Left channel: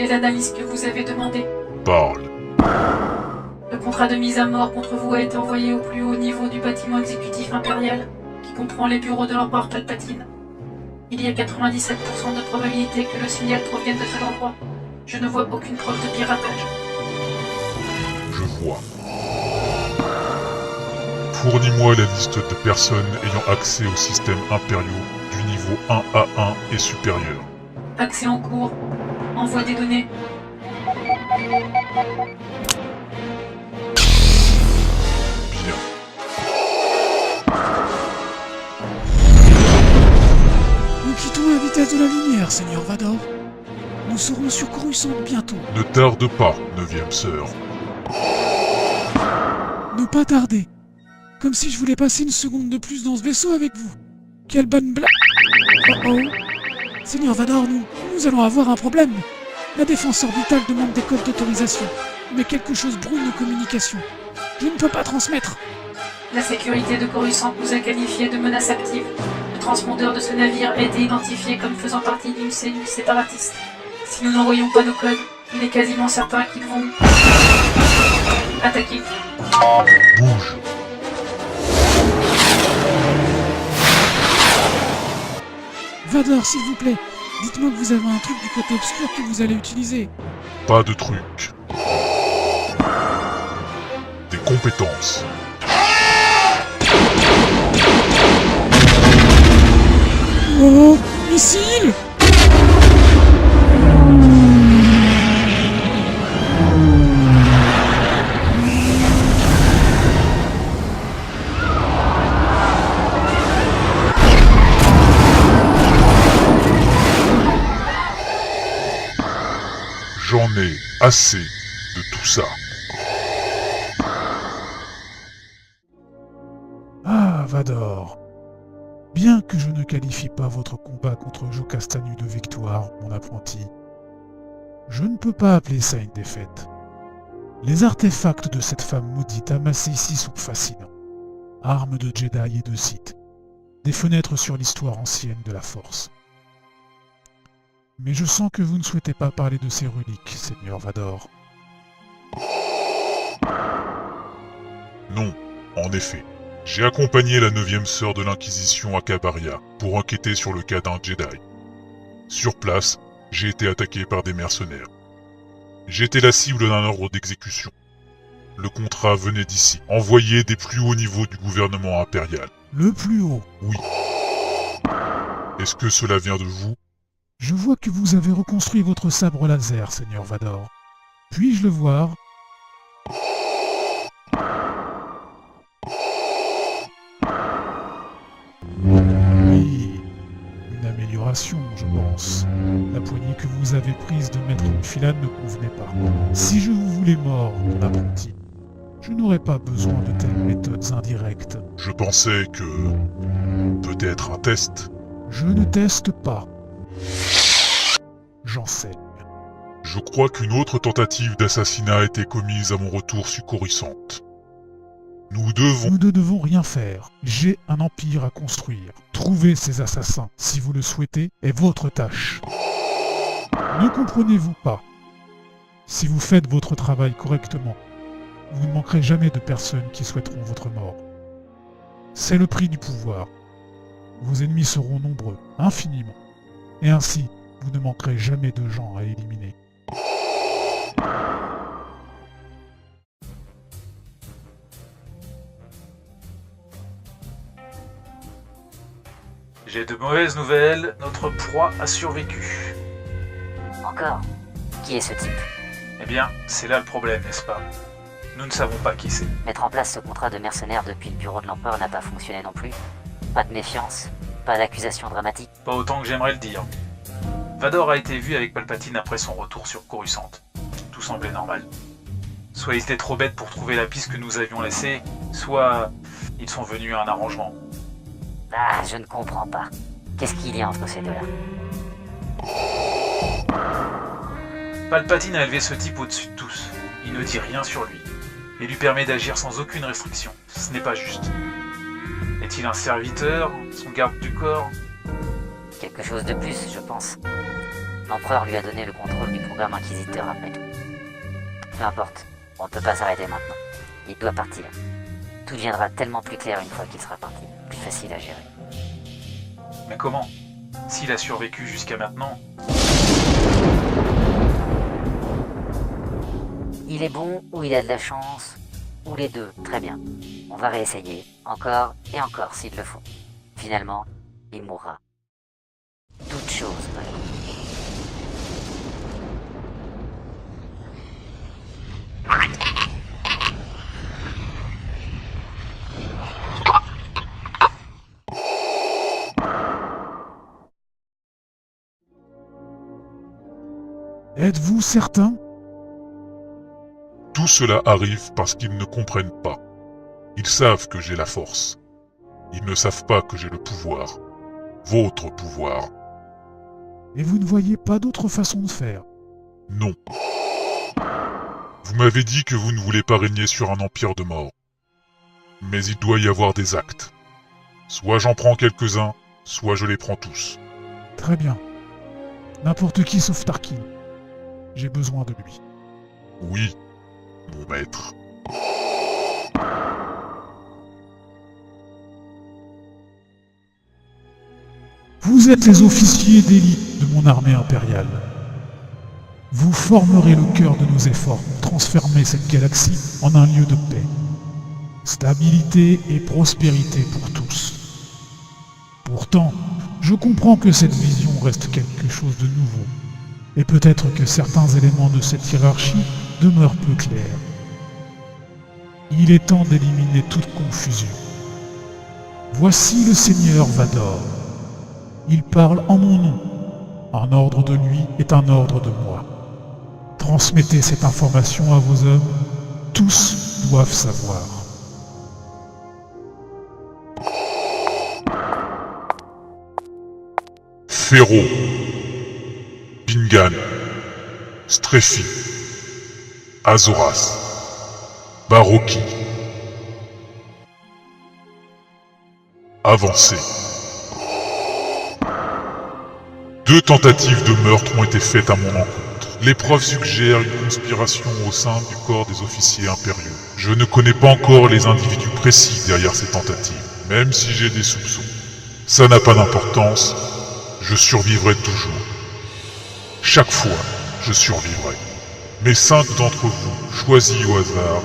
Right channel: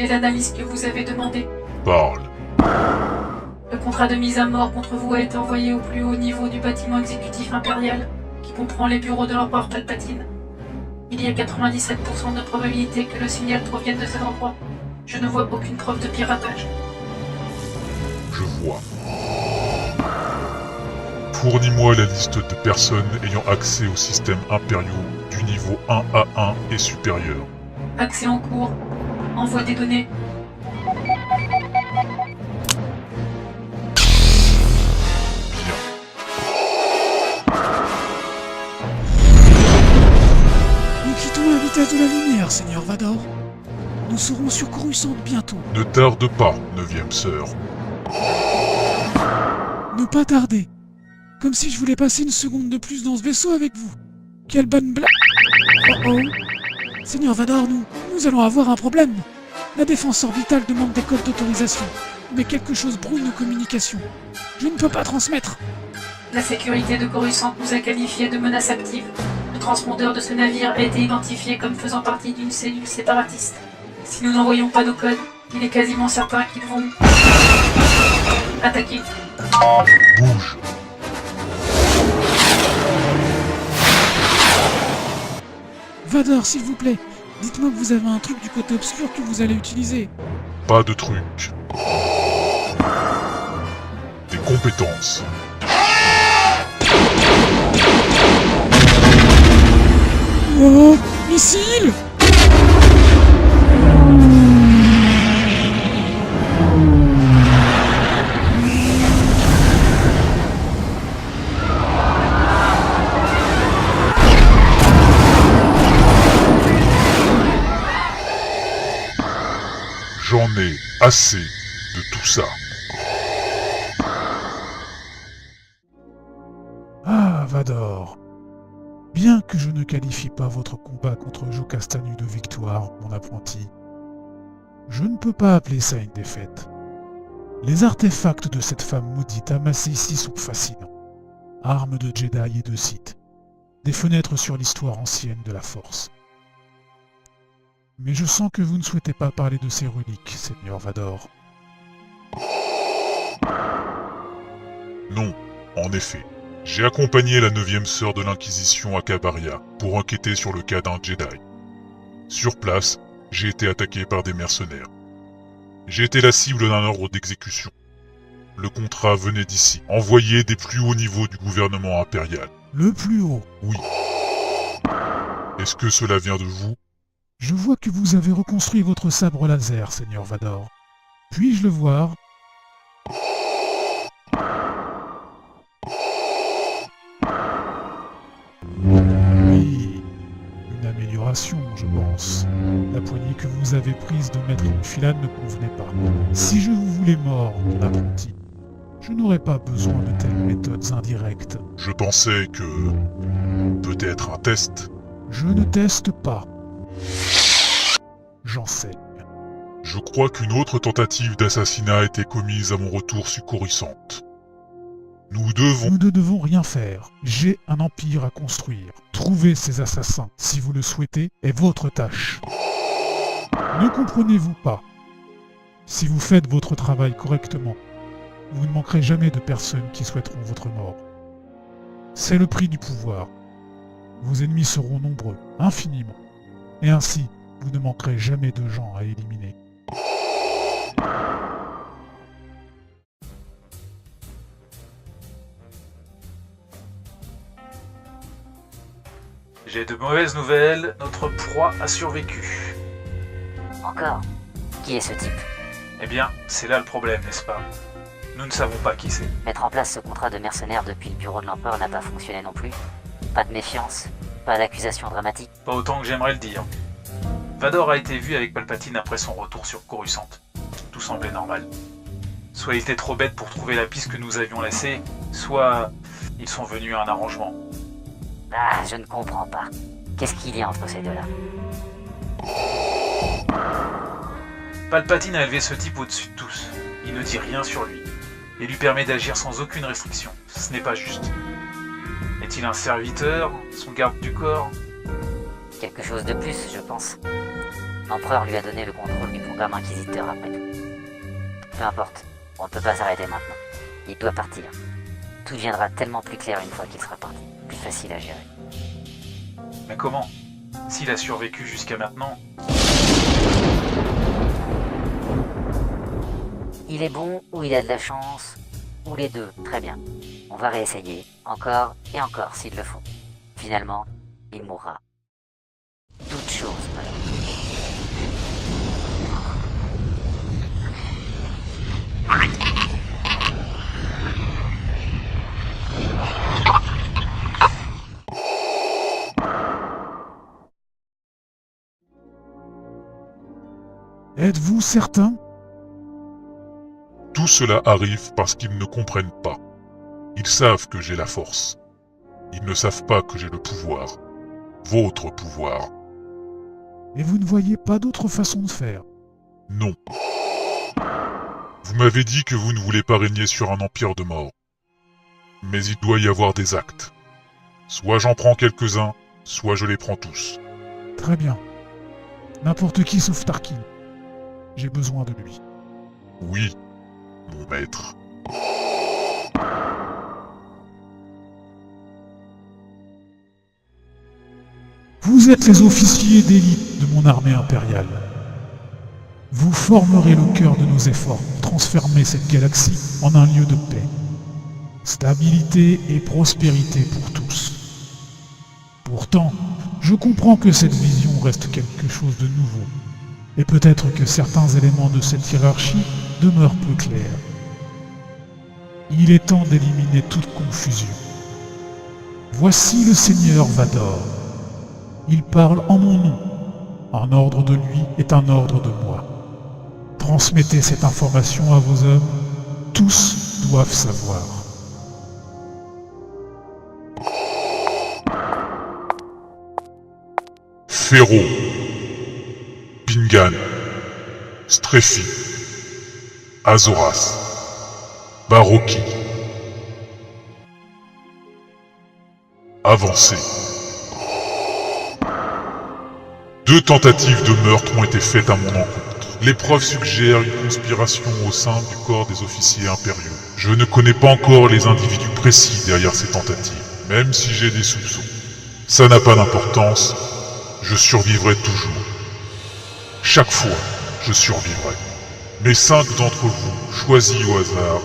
effectuer l'analyse que vous avez demandée. Parle. Le contrat de mise à mort contre vous a été envoyé au plus haut niveau du bâtiment exécutif impérial, qui comprend les bureaux de l'empereur Palpatine. Il y a 97% de probabilité que le signal provienne de cet endroit. Je ne vois aucune preuve de piratage. Je vois. Fournis-moi la liste de personnes ayant accès aux systèmes impériaux du niveau 1A1 et supérieur. Accès en cours. Envoi des données. Nous quittons la vitesse de la lumière, Seigneur Vador. Nous serons sur Coruscant bientôt. Ne tarde pas, 9e sœur. Ne pas tarder. Comme si je voulais passer une seconde de plus dans ce vaisseau avec vous. Quelle bonne blague. Oh. Seigneur Vador, nous allons avoir un problème. La défense orbitale demande des codes d'autorisation. Mais quelque chose brûle nos communications. Je ne peux pas transmettre. La sécurité de Coruscant nous a qualifié de menace active. Le transpondeur de ce navire a été identifié comme faisant partie d'une cellule séparatiste. Si nous n'envoyons pas nos codes, il est quasiment certain qu'ils vont attaquer. Bouge. Vador, s'il vous plaît, dites-moi que vous avez un truc du côté obscur que vous allez utiliser. Pas de truc. Des compétences. Oh, missile! J'en ai assez de tout ça. Ah, Vador. Bien que je ne qualifie pas votre combat contre Joe Castanu de victoire, mon apprenti, je ne peux pas appeler ça une défaite. Les artefacts de cette femme maudite amassés ici sont fascinants. Armes de Jedi et de Sith. Des fenêtres sur l'histoire ancienne de la Force. Mais je sens que vous ne souhaitez pas parler de ces reliques, Seigneur Vador. Non, en effet. J'ai accompagné la 9e sœur de l'Inquisition à Cabaria pour enquêter sur le cas d'un Jedi. Sur place, j'ai été attaqué par des mercenaires. J'ai été la cible d'un ordre d'exécution. Le contrat venait d'ici, envoyé des plus hauts niveaux du gouvernement impérial. Le plus haut. Oui. Est-ce que cela vient de vous? Je vois que vous avez reconstruit votre sabre laser, Seigneur Vador. Puis-je le voir? Oui, une amélioration, je pense. La poignée que vous avez prise de Maître Enfilade ne convenait pas. Si je vous voulais mort, mon apprenti, je n'aurais pas besoin de telles méthodes indirectes. Je pensais que... peut-être un test. Je ne teste pas. J'enseigne. Je crois qu'une autre tentative d'assassinat a été commise à mon retour sur Coruscant. Nous Nous ne devons rien faire. J'ai un empire à construire. Trouver ces assassins, si vous le souhaitez, est votre tâche. Ne comprenez-vous pas? Si vous faites votre travail correctement, vous ne manquerez jamais de personnes qui souhaiteront votre mort. C'est le prix du pouvoir. Vos ennemis seront nombreux, infiniment. Et ainsi, vous ne manquerez jamais de gens à éliminer. J'ai de mauvaises nouvelles, notre proie a survécu. Encore? Qui est ce type? Eh bien, c'est là le problème, n'est-ce pas? Nous ne savons pas qui c'est. Mettre en place ce contrat de mercenaires depuis le bureau de l'empereur n'a pas fonctionné non plus. Pas de méfiance, pas d'accusation dramatique. Pas autant que j'aimerais le dire. Vador a été vu avec Palpatine après son retour sur Coruscant. Tout semblait normal. Soit ils étaient trop bêtes pour trouver la piste que nous avions laissée, soit ils sont venus à un arrangement. Ah, je ne comprends pas. Qu'est-ce qu'il y a entre ces deux-là? Palpatine a élevé ce type au-dessus de tous. Il ne dit rien sur lui. Il lui permet d'agir sans aucune restriction. Ce n'est pas juste. Est-il un serviteur? Son garde du corps? Quelque chose de plus, je pense. L'empereur lui a donné le contrôle du programme. l'homme inquisiteur après tout. Peu importe, on ne peut pas s'arrêter maintenant. Il doit partir. Tout deviendra tellement plus clair une fois qu'il sera parti. Plus facile à gérer. Mais comment? S'il a survécu jusqu'à maintenant, Il est bon ou il a de la chance, ou les deux, très bien. On va réessayer, encore et encore s'il le faut. Finalement, il mourra. Toute chose. Êtes-vous certain? Tout cela arrive parce qu'ils ne comprennent pas. Ils savent que j'ai la force. Ils ne savent pas que j'ai le pouvoir. Votre pouvoir. Et vous ne voyez pas d'autre façon de faire? Non. Vous m'avez dit que vous ne voulez pas régner sur un empire de mort. Mais il doit y avoir des actes. Soit j'en prends quelques-uns, soit je les prends tous. Très bien. N'importe qui sauf Tarkin. J'ai besoin de lui. Oui, mon maître. Vous êtes les officiers d'élite de mon armée impériale. Vous formerez le cœur de nos efforts pour transformer cette galaxie en un lieu de paix. Stabilité et prospérité pour tous. Pourtant, je comprends que cette vision reste quelque chose de nouveau. Et peut-être que certains éléments de cette hiérarchie demeurent peu clairs. Il est temps d'éliminer toute confusion. Voici le Seigneur Vador. Il parle en mon nom. Un ordre de lui est un ordre de moi. Transmettez cette information à vos hommes. Tous doivent savoir. Féro. Bingan. Streffi. Azoras. Baroki. Avancez. 2 tentatives de meurtre ont été faites à mon encontre. Les preuves suggèrent une conspiration au sein du corps des officiers impériaux. Je ne connais pas encore les individus précis derrière ces tentatives, même si j'ai des soupçons. Ça n'a pas d'importance, je survivrai toujours. Chaque fois, je survivrai. Mais 5 d'entre vous, choisis au hasard,